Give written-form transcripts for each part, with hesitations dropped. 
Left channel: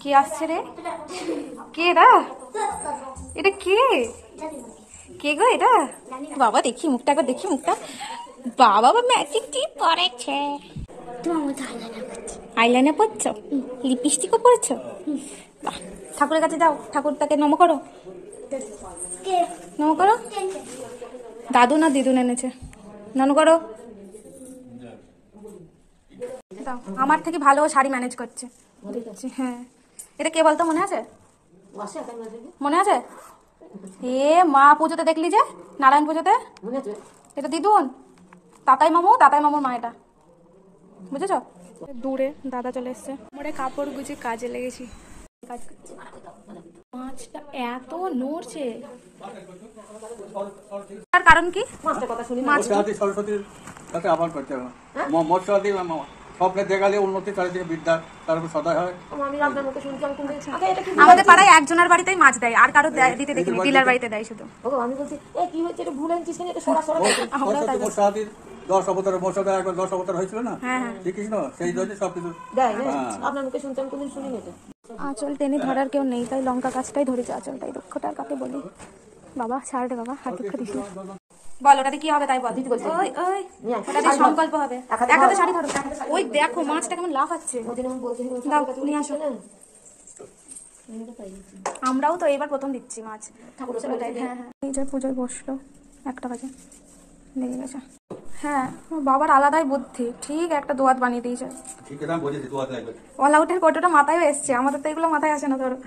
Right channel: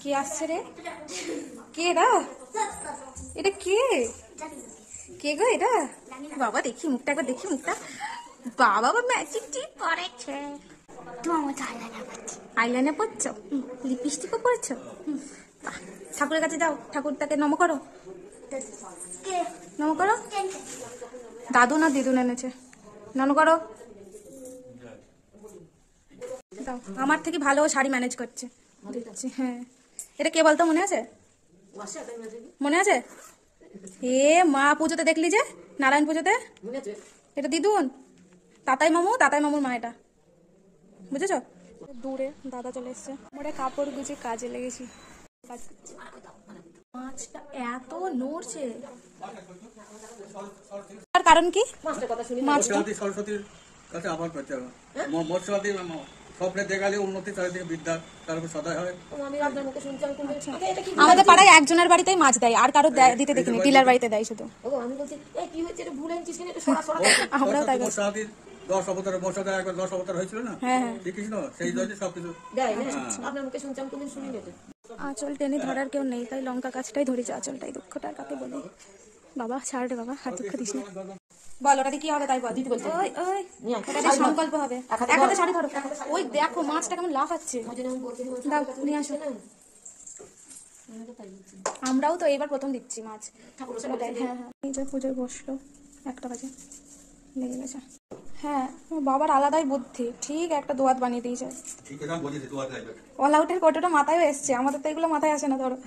কে আসছে রে? কে রা? এটা কে? কে গো এটা? বাবা দেখি মুখটা, একবার দেখি মুখটা। বাবা ম্যাজিক টিপ করেছে। আইলাইনার পরছো? লিপস্টিকও পরছো? বাহ, ঠাকুরের কাছে যাও, ঠাকুর তাকে নম করো, নম করো। দাদু না দিদুন এনেছে, নম করো। আমার থেকে ভালো শাড়ি ম্যানেজ করছে। হ্যাঁ, এটা কে বলতো, মনে আছে? মনে আছে? এ মা পুজোতে দেখলি যে, নারায়ণ পুজোতে, এটা দিদুন, তাতাই মামুর মা এটা, বুঝেছ? দূরে দাদা চলে এসছে। মোড়ে কাপড় গুছিয়ে কাজে লেগেছি, কাজ করছি। মাছটা এত নড়ছে, আর কারণ কি? স্বপ্নে দেখালে উন্নতি, চারিদিকে বিদ্যা, তারপর সদয় হয়। আমাদের পাড়ায় একজনের বাড়িতেই মাছ দেয়, আর কারো দিতে দেখিনি, ডিলার বাড়িতে দেয় শুধু। আমি বলছি কি হয়েছে, ভুল আনছিস, 10 অবতারের মশাদা একবার 10 অবতার হয়েছিল না, শ্রীকৃষ্ণ, সেই জন্য সবকিছু আপনার মুখে শুনছি, আমি কোনদিন শুনি না। আঁচল টেনে ধরার কেউ নেই, তাই লঙ্কা গাছটাই ধরেছে। আঁচলটাই দুঃখটা, আর কাকে বলি? বাবা ছাড় রে বাবা, হাত দুঃখ দিস না। বল ওটাতে কি হবে তাই বল। ওটাতে সংকল্প হবে। এক হাতে শাড়ি ধরো। ওই দেখো মাছটা কেমন লাফাচ্ছে। দাও নিয়ে আসো। আমরাও তো এবার প্রথম দিচ্ছি মাছ। হ্যাঁ, এই যে পুজোয় বসলো, 1টা বাজে, লেগে গেছে। হ্যাঁ, বাবার আলাদাই বুদ্ধি, ঠিক একটা দোয়াত বানিয়ে দিয়েছে। অল আউটের কতটা মাথায় এসছে, আমাদের তো এগুলো মাথায় আসে না ধরো।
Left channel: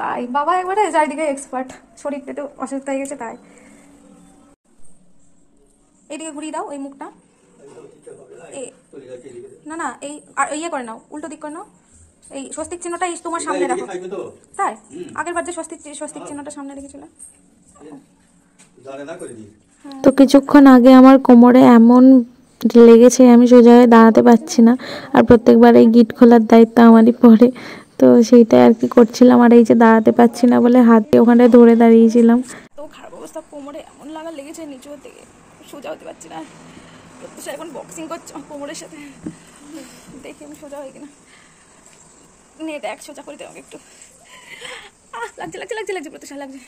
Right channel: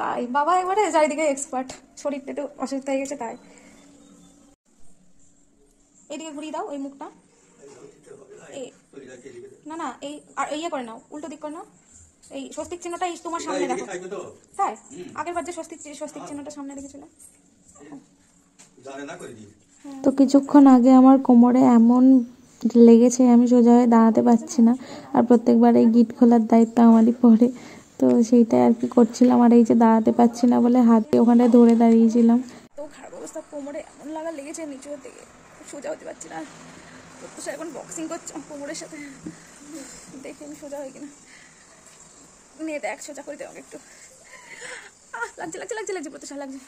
তাই বাবা একবারে চারিদিকে এক্সপার্ট, শরীরটা তো অসুস্থ হয়ে গেছে তাই। এইদিকে ঘুরিয়ে দাও, এই মুখটা। না না, এই ইয়ে করে নাও, উল্টো দিক করে নাও। এই স্বস্তিক চিহ্নটা তোমার সামনে রাখো। তাই আগের বার যে স্বস্তিক চিহ্নটা সামনে রেখেছিল। তো কিছুক্ষণ আগে আমার কোমরে এমন লেগেছে, আমি সোজা হয়ে দাঁড়াতে পারছি না। আর প্রত্যেকবার এই গিট খোলার দায়িত্ব আমারই পড়ে, তো সেইটাই আর কি করছিলাম। আর এই যে দাঁড়াতে পারছি না বলে হাতে ওখানে ধরে দাঁড়িয়েছিলাম। তো খারাপ অবস্থা, কোমরে এমন লাগা লেগেছে, নিচু থেকে সোজা হতে পারছি না। তো এখন বক্সিং করছে কোমরের সাথে, দেখি আমি সোজা হয়ে কিনা। নে দেখ, সোজা করে দে আমাকে একটু। লাগছে লাগছে লাগছে লাগছে, প্রত্যুষা লাগছে।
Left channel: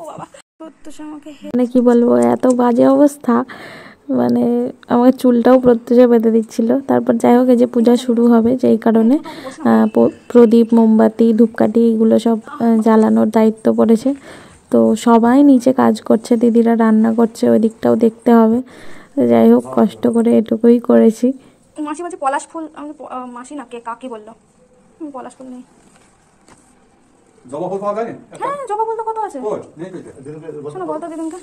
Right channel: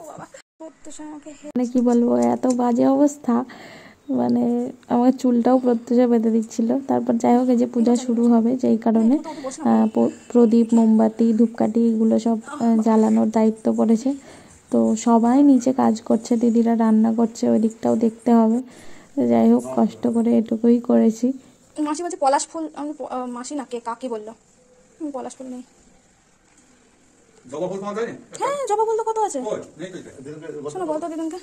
ও বাবা, প্রত্যুষা আমাকে মানে কি বলবো, এত বাজে অবস্থা, মানে আমার চুলটাও প্রত্যুষা বেঁধে দিচ্ছিল। তারপর যাই হোক, এই যে পূজা শুরু হবে, যেই কারণে প্রদীপ, মোমবাতি, ধূপকাঠি এগুলো সব জ্বালানোর দায়িত্ব পড়েছে। তো সবাই নিচে কাজ করছে, দিদিরা রান্না করছে, ওই দিকটাও দেখতে হবে। যাই হোক, কষ্ট করে এটুকুই করেছি। মাসি বলছে পলাশ ফুল, আমি মাসি না কে কাকি বললো, পলাশ ফুল নেই। জবা ফুল পাওয়া যায় না? হ্যাঁ, জবা ফুল তো কত আছে। শোনো বলতো দিদিনকে,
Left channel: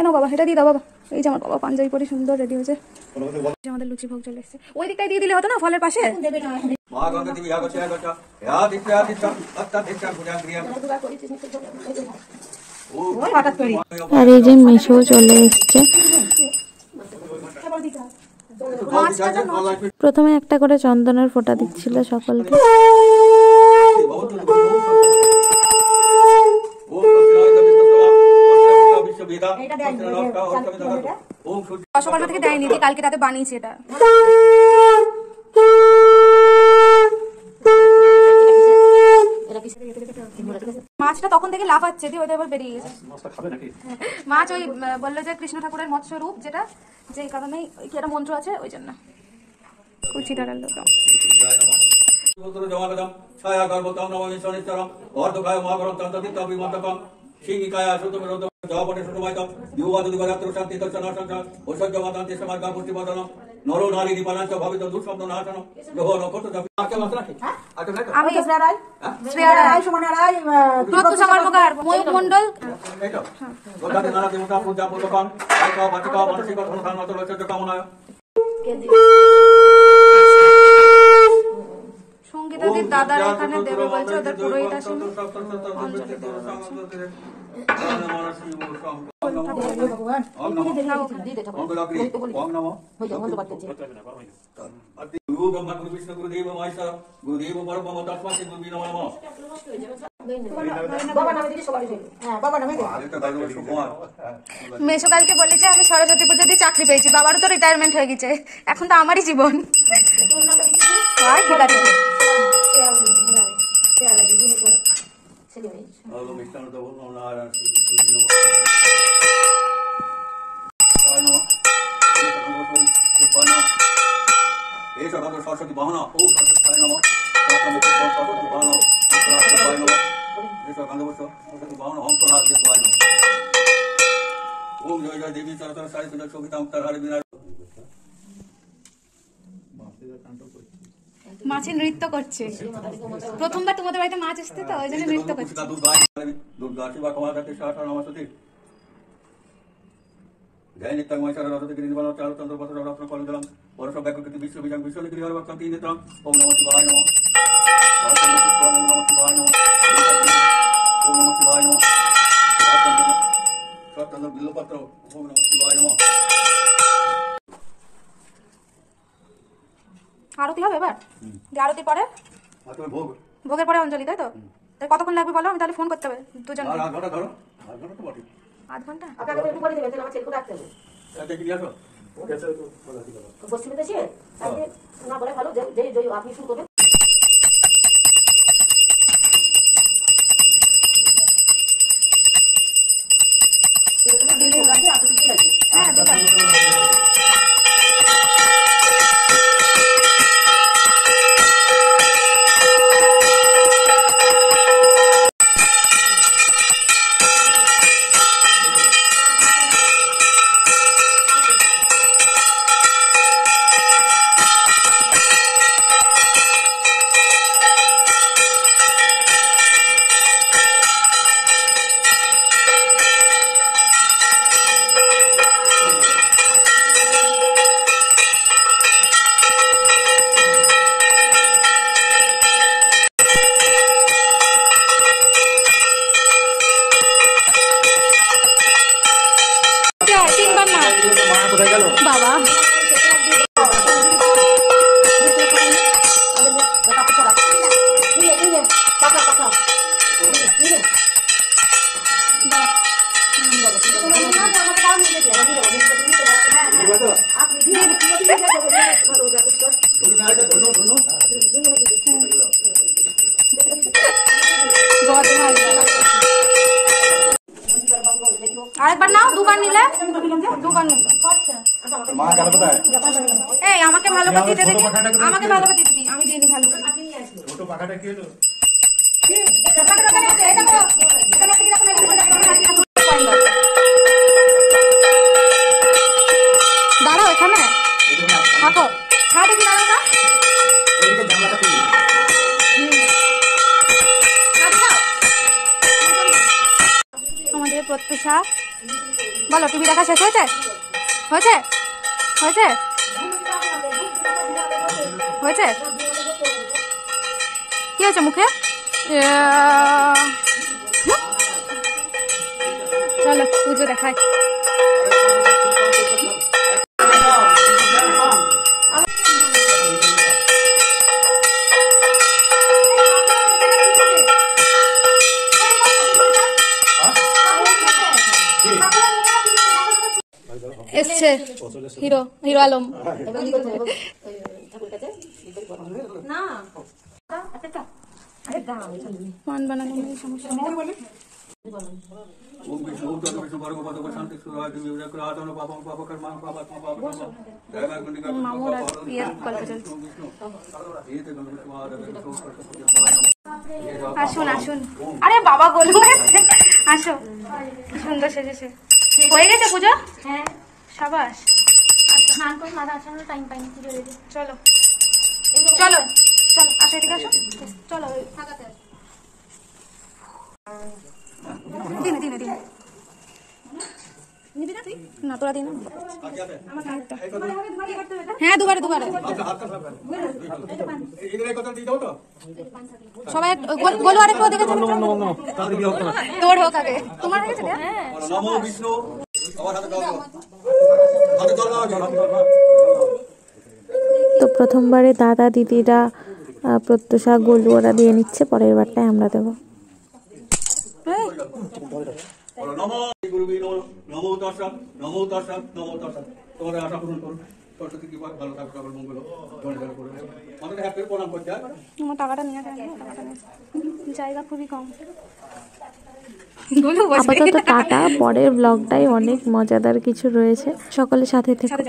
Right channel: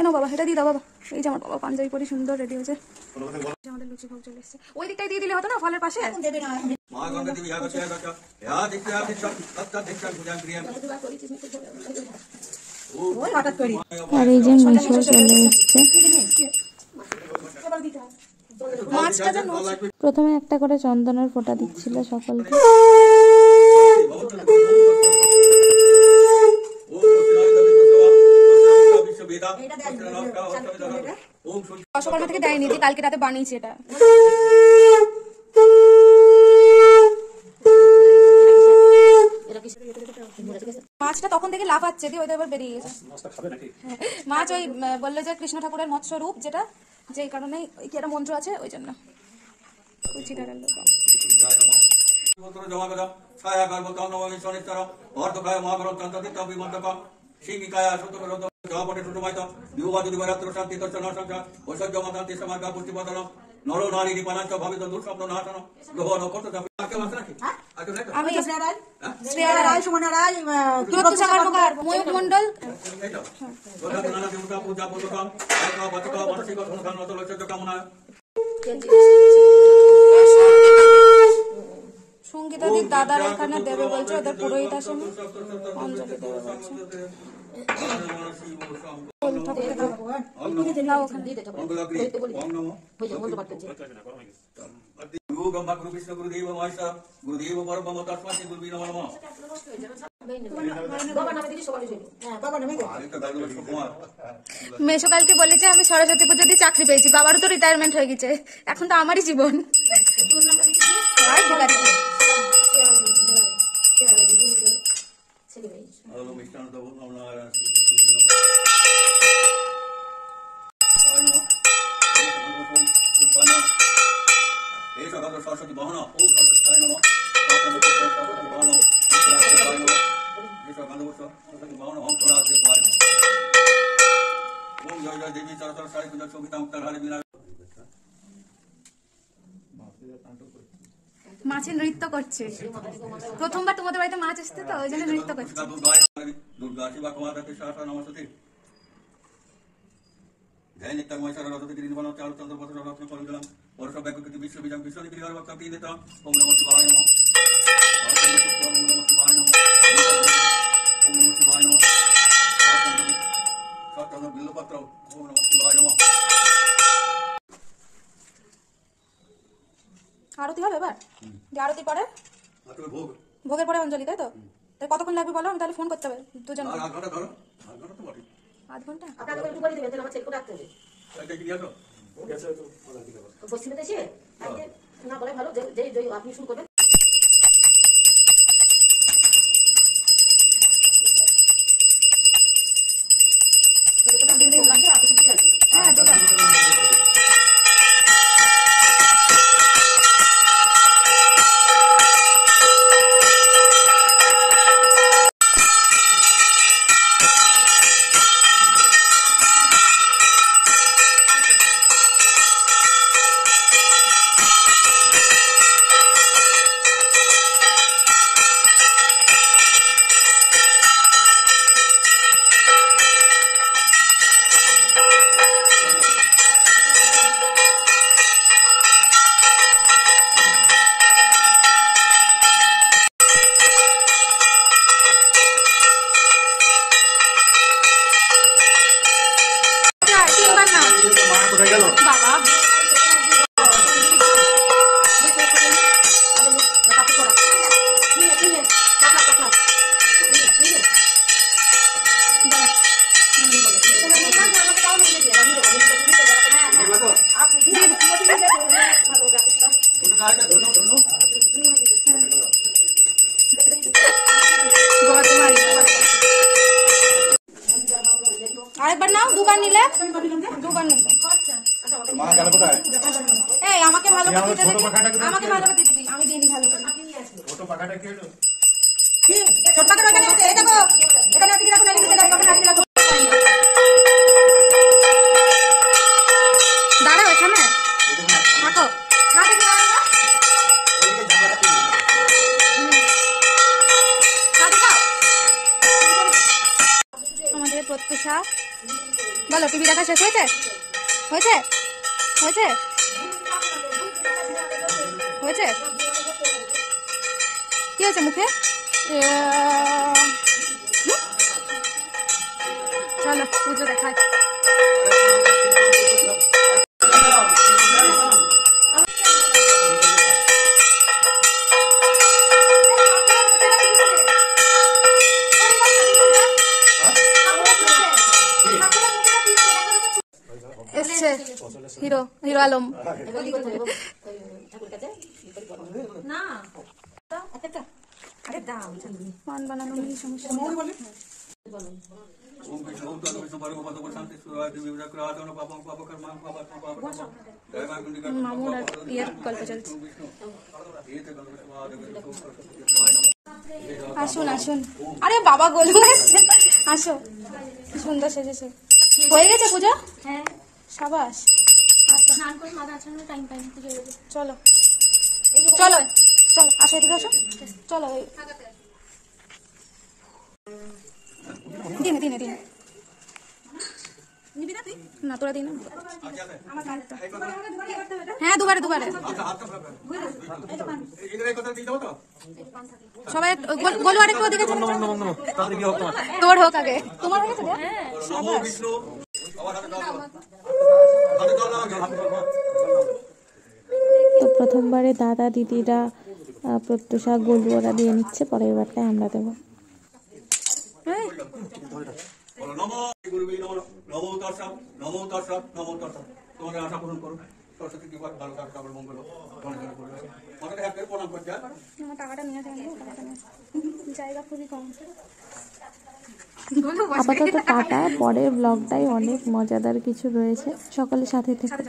এনো বাবা, এটা দিয়ে দাও বাবা। এই যে আমার বাবা পাঞ্জাবি পরে সুন্দর রেডি হয়েছে। আমাদের লুচি ভোগ চলে এসছে, ওই দিকটাই দিয়ে দিলে হতো না, ফলের পাশে। আর এই যে মেশো চলে এসছে। প্রথমে একটা করে চন্দনের ফোঁটা দিচ্ছিল সকলকে। সকালটা থেকে দেয়নি, কালকে রাতে বানিয়েছি এটা। মাছটা তখন থেকে লাফাচ্ছে, দিয়ে ওইটা এবার বেরিয়ে গেছে। মাছ ওই বললো যে কৃষ্ণ ঠাকুরের মৎস্য রূপ, যেটা যে কারণে কি একটা মন্ত্র আছে, ওই জন্য কুচি ডালালো। আমি শ্রেয়া রায়, সুমনা রায়, প্রত্যুষা কর্মকার, ময়ূর মন্ডল। সঙ্গীতাদির দাদারা এখানে দেবে বলছে, ওদের পুরোহিত আসেনি, অঞ্জলি দেবে বলছে। গুরুদেব পরম তস্মাৎ গুরুবে নমঃ। মেসোকালকে বলেছে আমি সরস্বতী পুজো দিয়ে চাকরি পেয়েছি, বাবারও তো রিটায়ারমেন্ট হয়ে গেছে, এখন তো আমারই জীবন। আর ঠিক আছে, এই সরস্বতী বাহন সরস্বতী নম সরস্বতী বাহন সরস্বতী বাহন হংসরাজ্য পায় নম। ওম জয় জয় দেবী সরস্বতী সারি পূজা সবিতা মুক্তার হারে বিনা। মাছের নৃত্য করছে, প্রথমবার তোমাদের বাড়িতে মাছ আসতে তো ওই জন্য নৃত্য করছে। দুর্গা শিবা কমাদাকে শাসা নমস্তে জয় নিত্যময় সরস্বতী গিরিবল চারুচন্দ্র বসর রত্ন কলজলম বরষ ব্যাকৃতি বিশ্ববিজং বিশ্বনিগৃহ ভক্তম তিনিতম ওম নমঃ শিবায় নমঃ সরস্বতী পুষ্প ওম নমঃ শিবায় নমঃ ওম নমঃ শিবায় নমঃ সরস্বতী বিল্লপত্র ওম নমঃ শিবায় নমঃ। আরতি হবে এবার, যে আরতি পরে ভোগ ভোগের পরে অঞ্জলি, তাই তো? তাই কতক্ষণ লাগবে বলো, আমি তাহলে ফোন করতে হবে দুজন। আর আধ ঘন্টা ধরো, আধ ঘন্টা তো বটে। 8 ঘন্টা আপনাকে একটু করে দেবেন, আমার ছেলেকে ডাকতে হবে। এটা কি আসো পশ্চিমে দেশে আপনি না বলে ভালো, যে যে আপনি শুরু করবেন। হ্যাঁ দেবা। তিনবার নাও কোথায় গেল? বাবা। আরেকবার নাও, দুবার নিলে দুবার নিলে। মা গেল কোথায়? এই আমাকে ভালো করে দিতে দেখি, আমাকে ভালো করে দিতে দিই, আমি দিই ভালো করে। ছোট পাখাটা কি হলো? দাঁড়াও এখানে থাকো, খাও দেখি দাঁড়াও না। আমাদের প্রত্যুষা বলো, তুমি দেখা শেষ হয়েছে? হয়েছে হয়েছে হয়েছে কি হয়েছে মুখে? চলো পুজো দেখায়। এসছে হিরো হিরো আলম। পান বানানো নিয়ে সমস্যা নেই। ओम विष्णु ओम तत्व विष्णु भर्गो भर्गो शांति सुराय देवी विजय आदनो पापम पाप कर्म पाप पाप जय मां कुंडी का মামুর ইয়ে গল্প চলছে। ये तो गंगा स्वाद আসুন আসুন, আরে বাবা গোলু এসছে, আসো। কি সুন্দর সেজেছে। হয়ে গেছে পুজো? হ্যাঁ, সাবাস। স্নান করে মাথা আছানোর টাইম পাইনি, পুজো দেবে। চলো চলো চলো, আসো এদিকে আসো, চলো। দিনে দিনে দিনে নিবি না তুই? না তোরা দিন। হ্যাঁ দুবারে দুবারে इधर एक কথা দিও তো সবাই গোলু আরেকটু ওদিকে চলে চলো। তোর হোক আগে, তোমার হয়ে গেছে? হ্যাঁ নমো বিষ্ণু আমার হাতে দাও হাতে দাও। তো প্রথমবারে দাদা দিদিরা প্রত্যুষা গোলু ওরা দিয়ে নিচ্ছে, পরের বারটায় আমরা দেবো। বলো নমো গুরুবি নমো নমো তস্যা নমো তস্যা নমো তস্যা। তোমার আশা পূরণ করুন, সরস্বতী কৃপা, ভালো থাকবে, সকল মঙ্গল ধনে ধনে করবে। আমাদের হাতে প্রণাম করতে হবে। আমার টাকাটা নিয়ে আসে, টাকাটা নিয়ে আসে। জায়গা খুবই কম। আপাতত টাটা, পরের ব্লগটাই অনেক মজাদার কিছু রয়েছে, সকলের সাথে থেকে।